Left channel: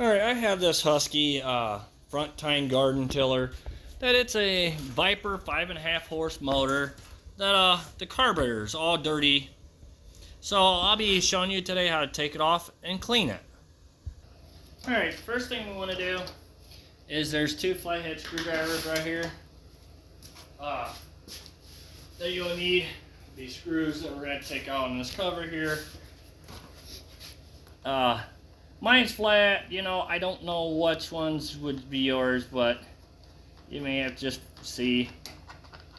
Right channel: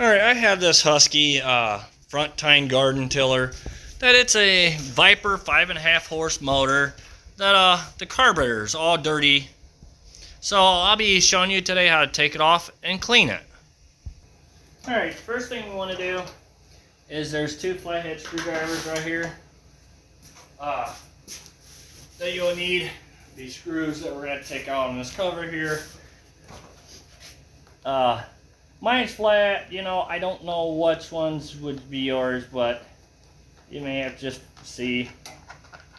Alright, I have this Husky Front Tine garden tiller that it's a Viper 5.5 horse motor that the carburetor is all dirty. So I'll be showing you today how to take it off and clean it. Alright, first thing we want to do is there's two flathead screwdrivers right here that you'll need. These screws that we're going to take out on this cover here. Mine's flat, you know, I don't know which ones would be yours, but you may have to just see.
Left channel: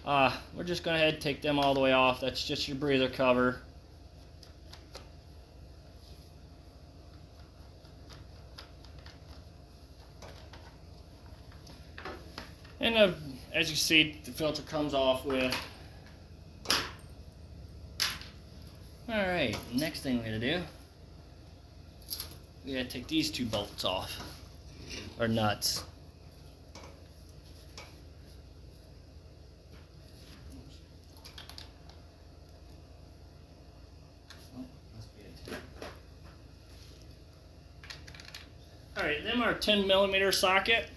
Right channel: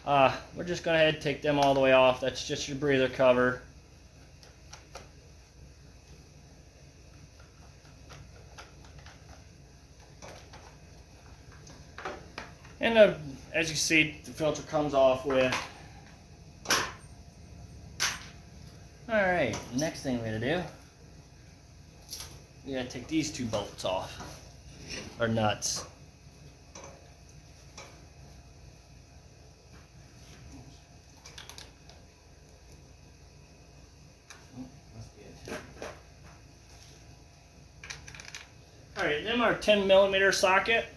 We're just going to ahead and take them all the way off. That's just your breather cover. And as you see, the filter comes off with. Alright, next thing we're going to do, we gotta take these two bolts off, or nuts. Alright, them are 10mm socket.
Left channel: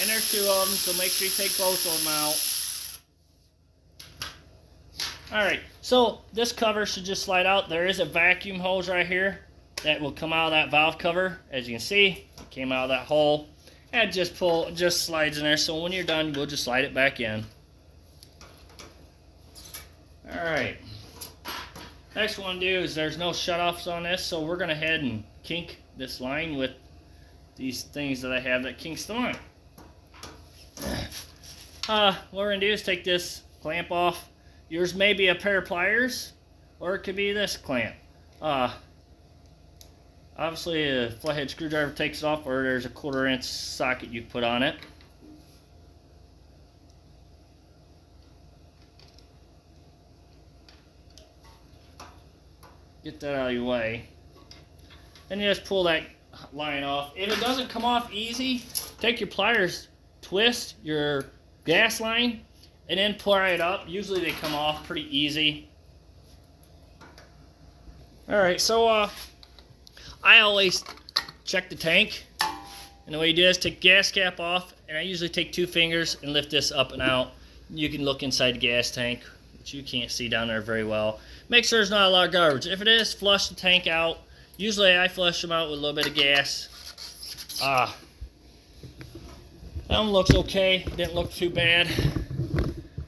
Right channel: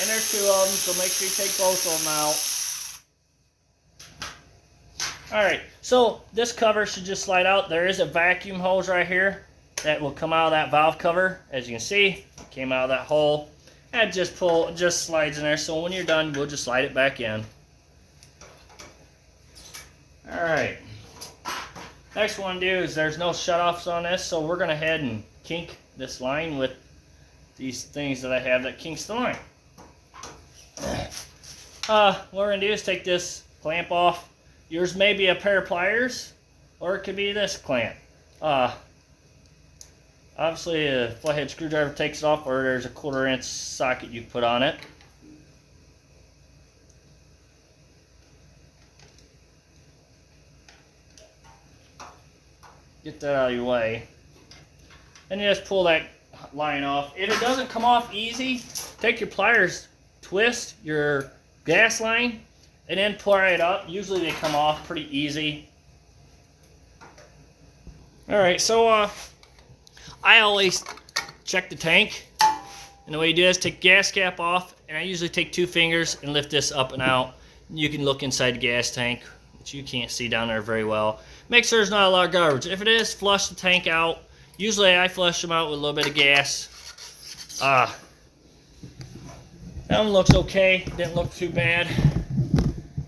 And there's two of them, so make sure you take both of them out. Alright, so this cover should just slide out. There is a vacuum hose right here that will come out of that valve cover. As you can see, it came out of that hole. And just slides in there, so when you're done, we'll just slide it back in. Alright. Next one to do is there's no shutoffs on this, so we're going to head and kink this line with these things that I have that kinks the line. What we're going to do is take this clamp off. Yours may be a pair of pliers, or it could be this clamp. Obviously a flathead screwdriver takes it off, or there's a 1/4 inch socket you put on it. Get that out of your way. And you just pull that line off. If it doesn't come off easy, take your pliers, twist your gas line, and then pry it up. Usually they come off pretty easy. Alright, so I always check the tank. And the way you do is take the gas cap off, and I usually take 2 fingers and lift this up and out. You can look inside the gas tank, which you can't see down there very well. Make sure there's not a lot of garbage. If it is, flush the tank out. Usually I flush them out with a little bit of gas. That one looks okay, didn't look too bad.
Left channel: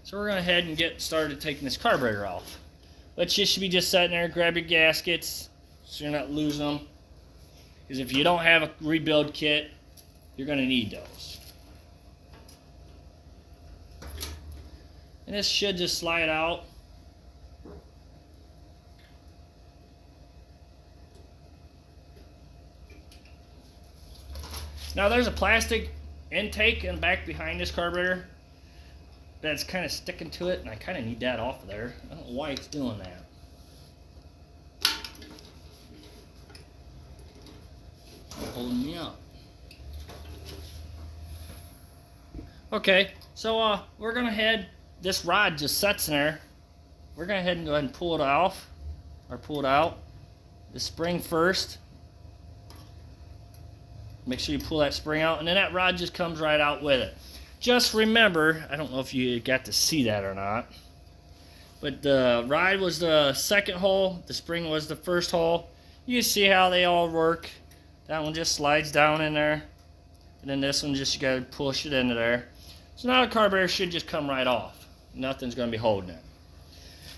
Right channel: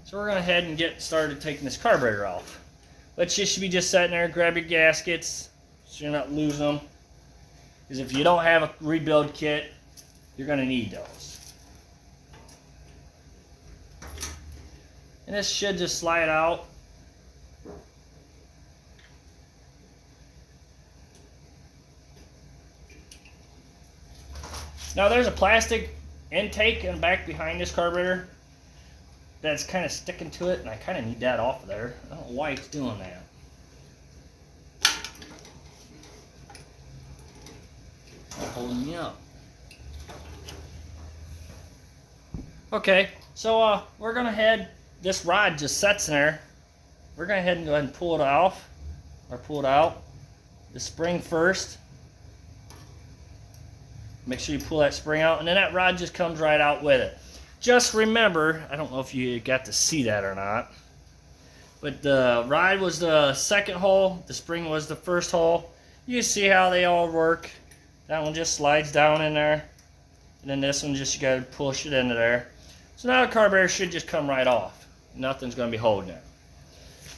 So we're going to head and get started taking this carburetor off. Which you should be just sitting there, grab your gaskets so you're not losing them. Because if you don't have a rebuild kit, you're going to need those. And this should just slide out. Now there's a plastic intake in the back behind this carburetor that's kind of sticking to it, and I kind of need that off of there. I don't know why it's doing that. It's holding me up. Okay, so we're gonna head. This rod just sits in there. We're gonna head and go ahead and pull it off, or pull it out. The spring first. Make sure you pull that spring out, and then that rod just comes right out with it. Just remember, I don't know if you got to see that or not, but the rod was the second hole, the spring was the first hole. You see how they all work. That one just slides down in there, and then this one just, you gotta push it into there. So now the carburetor should just come right off. Nothing's gonna be holding it.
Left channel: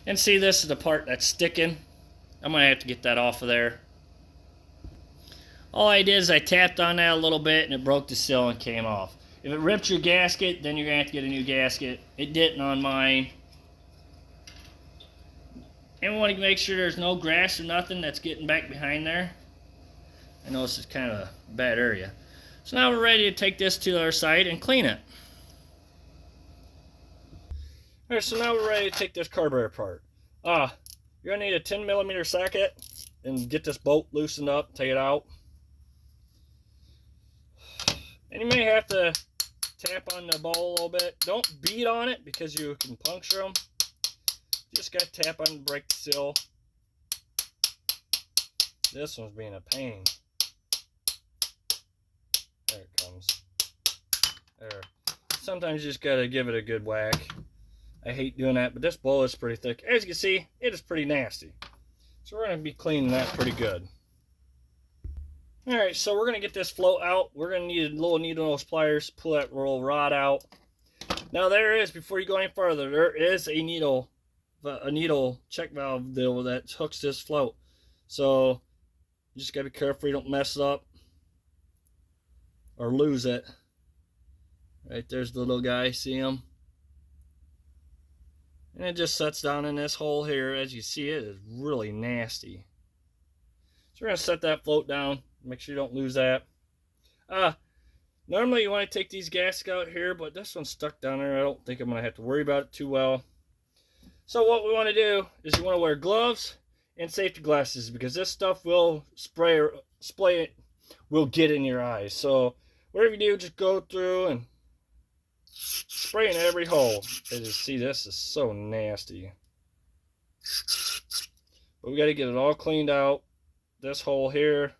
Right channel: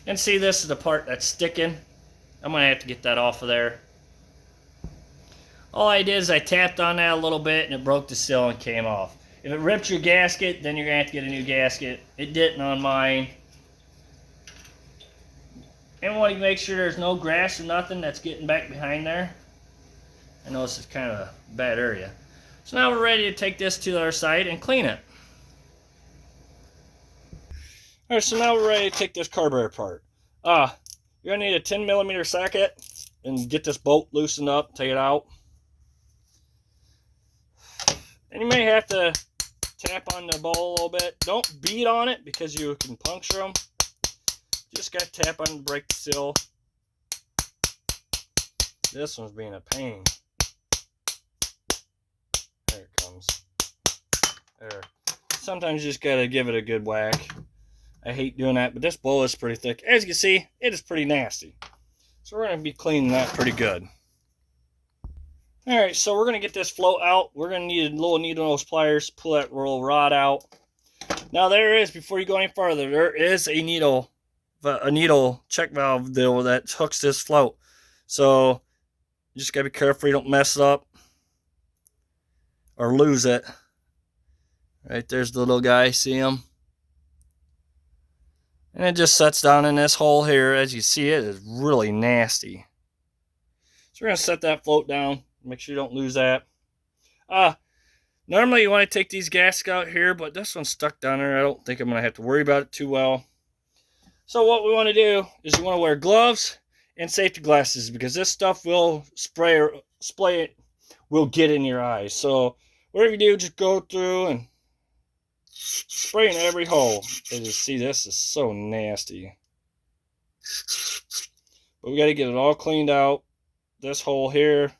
And see, this is the part that's sticking. I'm gonna have to get that off of there. All I did is I tapped on that a little bit and it broke the seal and came off. If it ripped your gasket, then you're going to have to get a new gasket. It didn't on mine. And we want to make sure there's no grass or nothing that's getting back behind there. I know this is kind of a bad area. So now we're ready to take this to the other side and clean it. Alright, so now we're ready to take this carburetor apart. You're going to need a 10mm socket and get this bolt loosened up, take it out. And you may have to tap on the bowl a little bit. Don't beat on it because you can puncture them. Just got to tap on to break the seal. This one's being a pain. There it comes. There. Sometimes you just got to give it a good whack. I hate doing that, but this bowl is pretty thick. As you can see, it is pretty nasty. So we're going to be cleaning that pretty good. Alright, so we're going to get this float out. We're going to need a little needle nose pliers, pull that little rod out. Now there is, before you go any farther, there is a needle check valve deal that hooks this float. So you just got to be careful you don't mess it up or lose it. Right there's the little guy, see him? And it just sets down in this hole here. As you see, it is really nasty. So we're going to set that float down. Make sure you don't lose that. Normally you want to take these gaskets out here, but this one's stuck down there. I don't think I'm going to have to worry about it too well. So what we want to do is you want to wear gloves and safety glasses because this stuff will will get in your eyes. So whatever you do, just go through and spray in every hole. As you see, this is so nasty. But we got to get it all cleaned out. This hole here.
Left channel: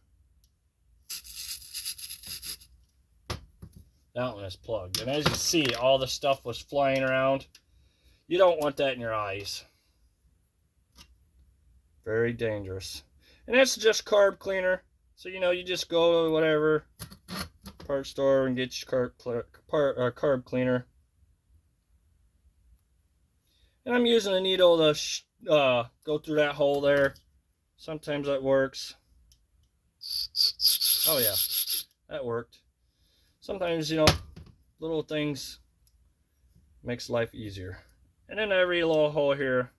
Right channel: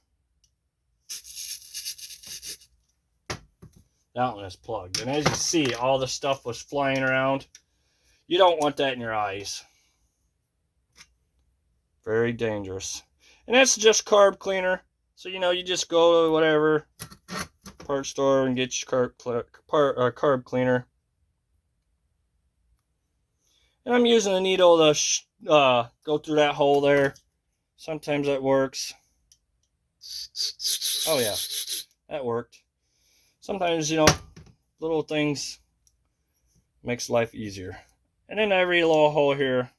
That one is plugged. And as you see, all the stuff was flying around. You don't want that in your eyes. Very dangerous. And that's just carb cleaner. So, you know, you just go to whatever part store and get your carb cleaner. And I'm using a needle to go through that hole there. Sometimes that works. Oh yeah, that worked. Sometimes, you know, little things makes life easier. And then every little hole here.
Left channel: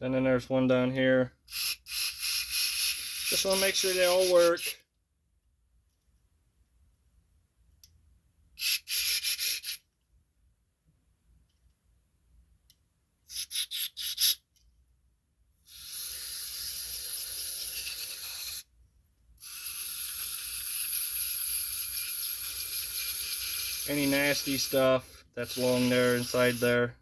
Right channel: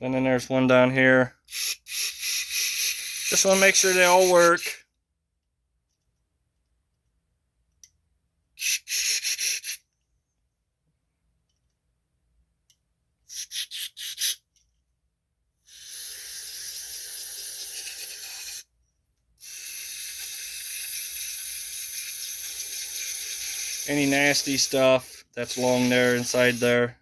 And then there's one down here. Just want to make sure they all work. Any nasty stuff that's along there, inside there.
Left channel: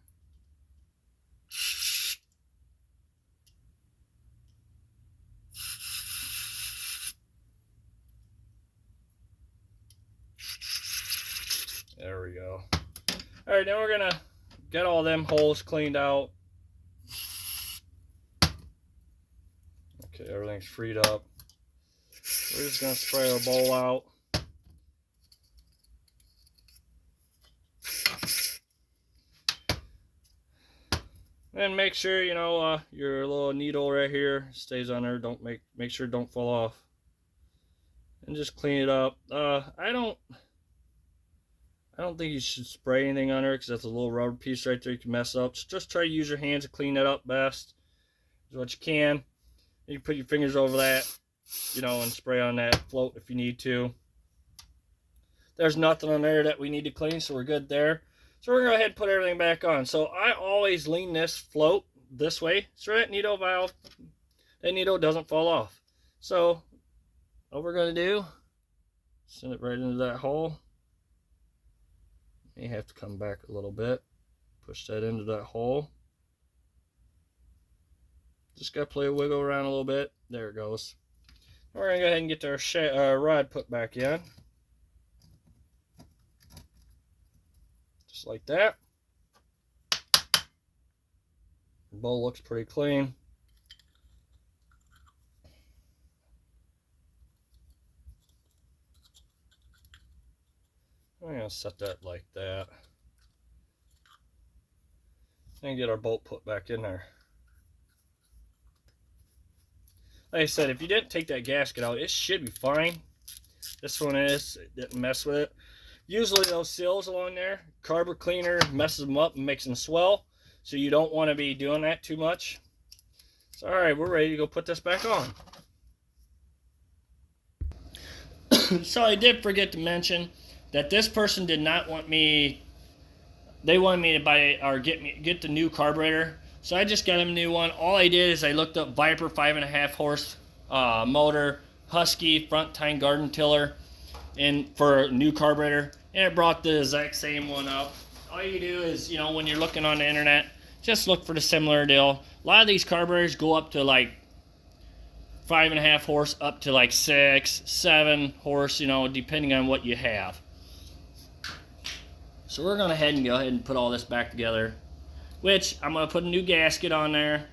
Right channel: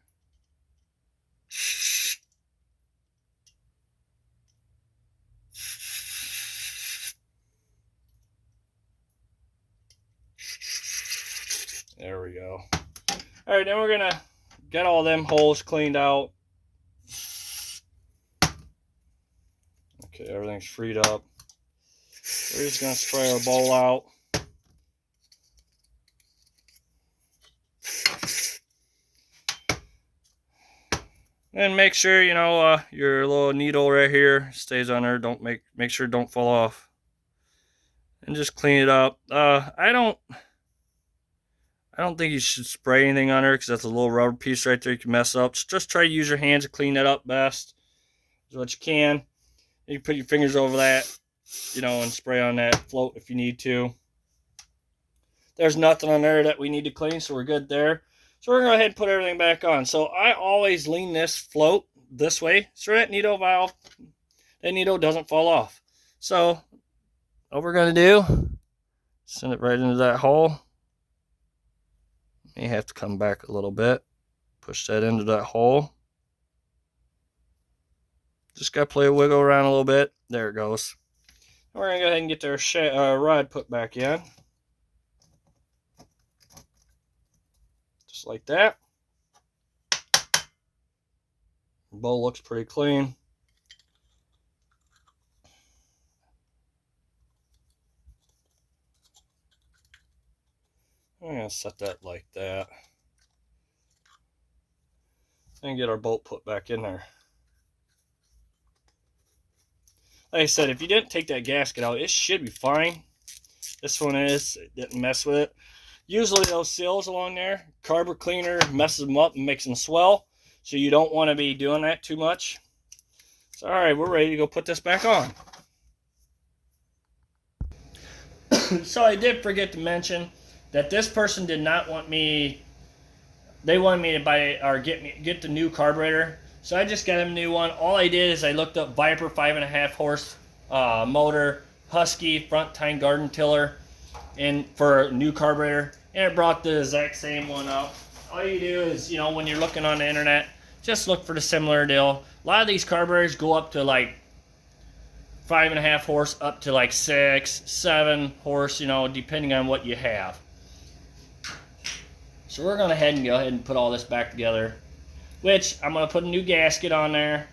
There we go. Alright, then we're going to get all them holes cleaned out. Okay, everything's freed up. We're just going to spray our bowl out. And make sure, you know, your little needle right here stays on there. Don't make sure it don't fall off. And just clean it up. I don't think you should spray anything on there because that's a little rubber piece right there you can mess up. Just try to use your hands to clean that up best as what you can. You can put your fingers over that, you know, and spray on that float if you need to. There's nothing on there that we need to clean, so we're good there. So we're going to go ahead and put everything back on. So I always lean this float this way so that needle valve, that needle doesn't fall off. So what we're going to do, send it right into that hole. May have to come back a little bit. Push that into that hole. Just got to play a wiggle around a little bit. There it goes. We're going to go ahead and get our rod put back in. Just like that. The bowl looks pretty clean. I'm going to set that like that. And get our bolt put back in there. Like I said, if you didn't take that gasket out, it should be fine. This one is. It didn't mess with it. Usually those seals along there, carburetor cleaner messes them up and makes them swell. So you don't want to be doing that too much. So alright, we're ready to go put this back on. So I did forget to mention that this person did not want me, they wanted me to buy or get the new carburetor. So I just got him a new one. All I did is I looked up Viper 5.5 horse motor, Husky, Front Tine garden tiller. and for a new carburetor, and it brought the exact same one up. All you do is, you know, when you're looking on the internet, just look for the similar deal. A lot of these carburetors go up to like 5.5 horse, up to like 6, 7 horse, you know, depending on what you have. So we're gonna go ahead and put all this back together, which I'm gonna put a new gasket on there.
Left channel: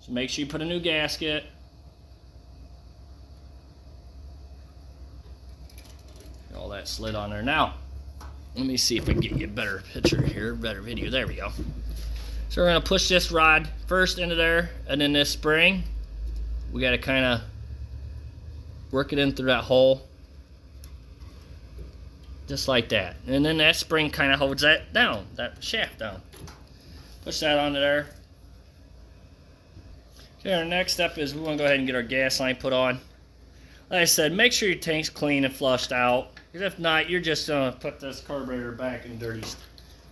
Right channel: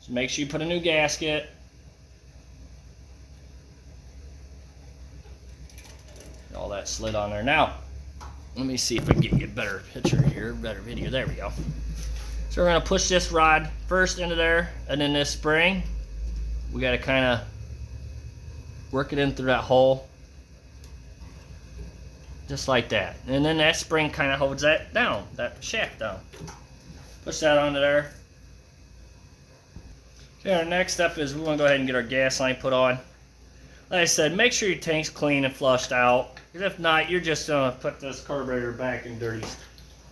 So make sure you put a new gasket. All that slid on there. Now, let me see if I can get you a better picture here, better video. There we go. So we're gonna push this rod first into there, and then this spring, we gotta kind of work it in through that hole. Just like that. And then that spring kind of holds that down, that shaft down. Push that onto there. Okay, our next step is we want to go ahead and get our gas line put on. Like I said, make sure your tank's clean and flushed out. Because if not, you're just going to put this carburetor back in dirty,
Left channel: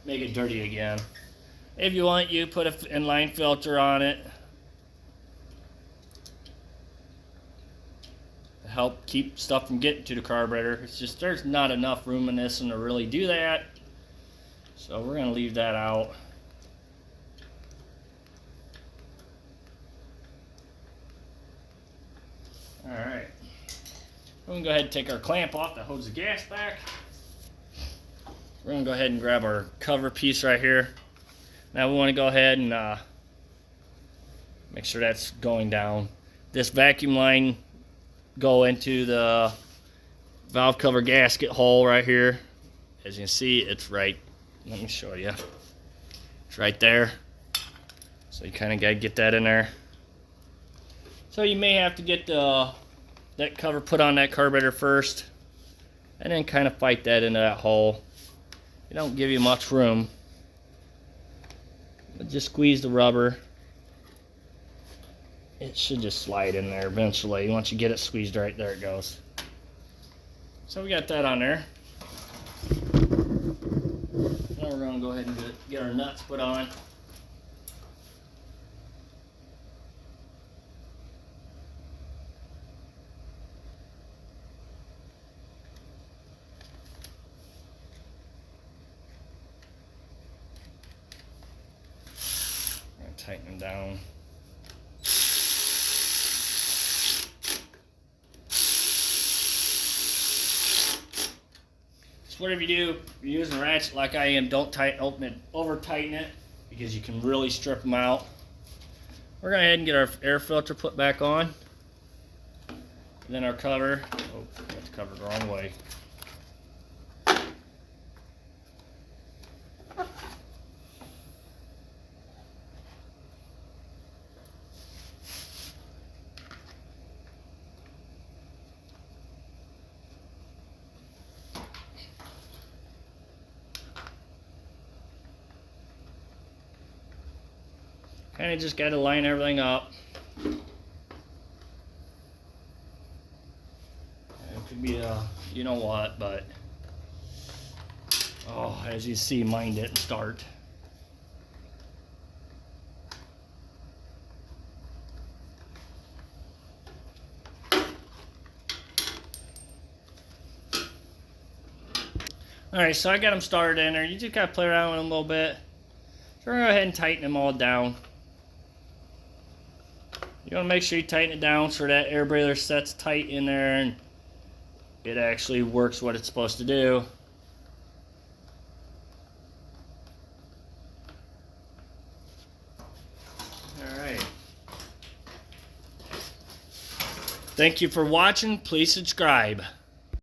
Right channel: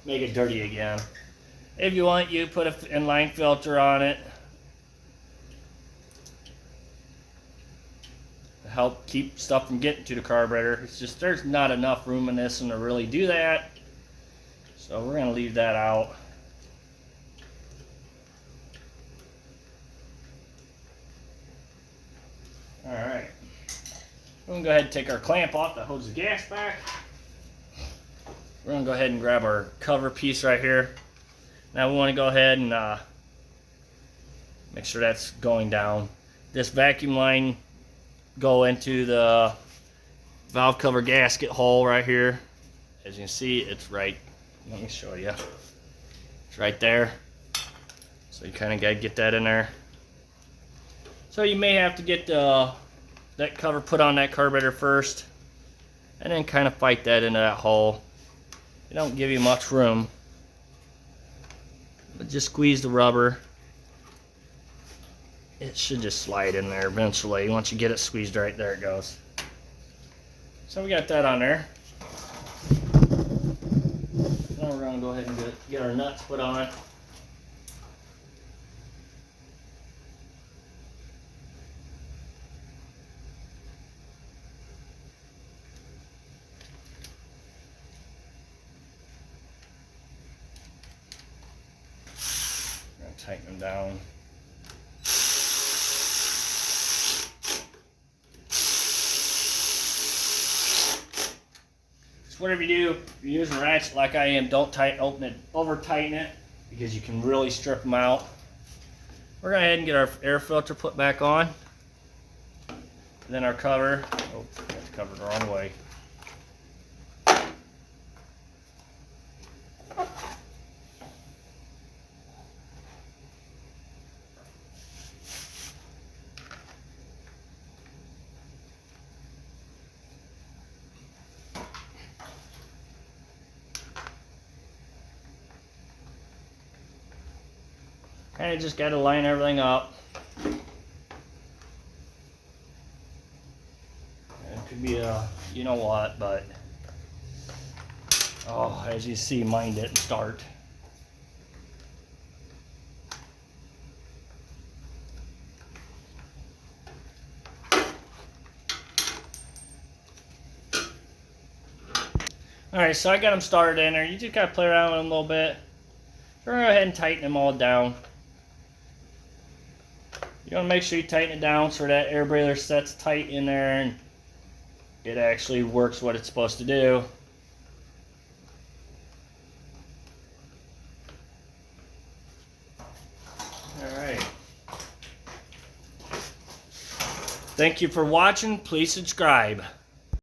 make it dirty again. If you want, you put an inline filter on it to help keep stuff from getting to the carburetor. It's just there's not enough room in this one to really do that. So we're going to leave that out. Alright. We're going to go ahead and take our clamp off that holds the gas back. We're going to go ahead and grab our cover piece right here. Now we want to go ahead and make sure that's going down. This vacuum line go into the valve cover gasket hole right here. As you can see, it's right, let me show you. It's right there. So you kind of got to get that in there. So you may have to get that cover put on that carburetor first, and then kind of fight that into that hole. It don't give you much room, but just squeeze the rubber. It should just slide in there eventually. Once you get it squeezed right, there it goes. So we got that on there. Now we're going to go ahead and get our nuts put on. Tighten them down. So whatever you do, if you're using a ratchet like I am, don't over tighten it, because you can really strip them out. We're going to go ahead and get our air filter put back on. And then our cover. Oh, got the cover the wrong way. Kind of just got to line everything up. It could be a, you know what, but oh, as you see, mine didn't start. Alright, so I got them started in there. You just got to play around with them a little bit. We're going to go ahead and tighten them all down. You want to make sure you tighten it down so that air breather sets tight in there and it actually works what it's supposed to do. Alright. Thank you for watching. Please subscribe.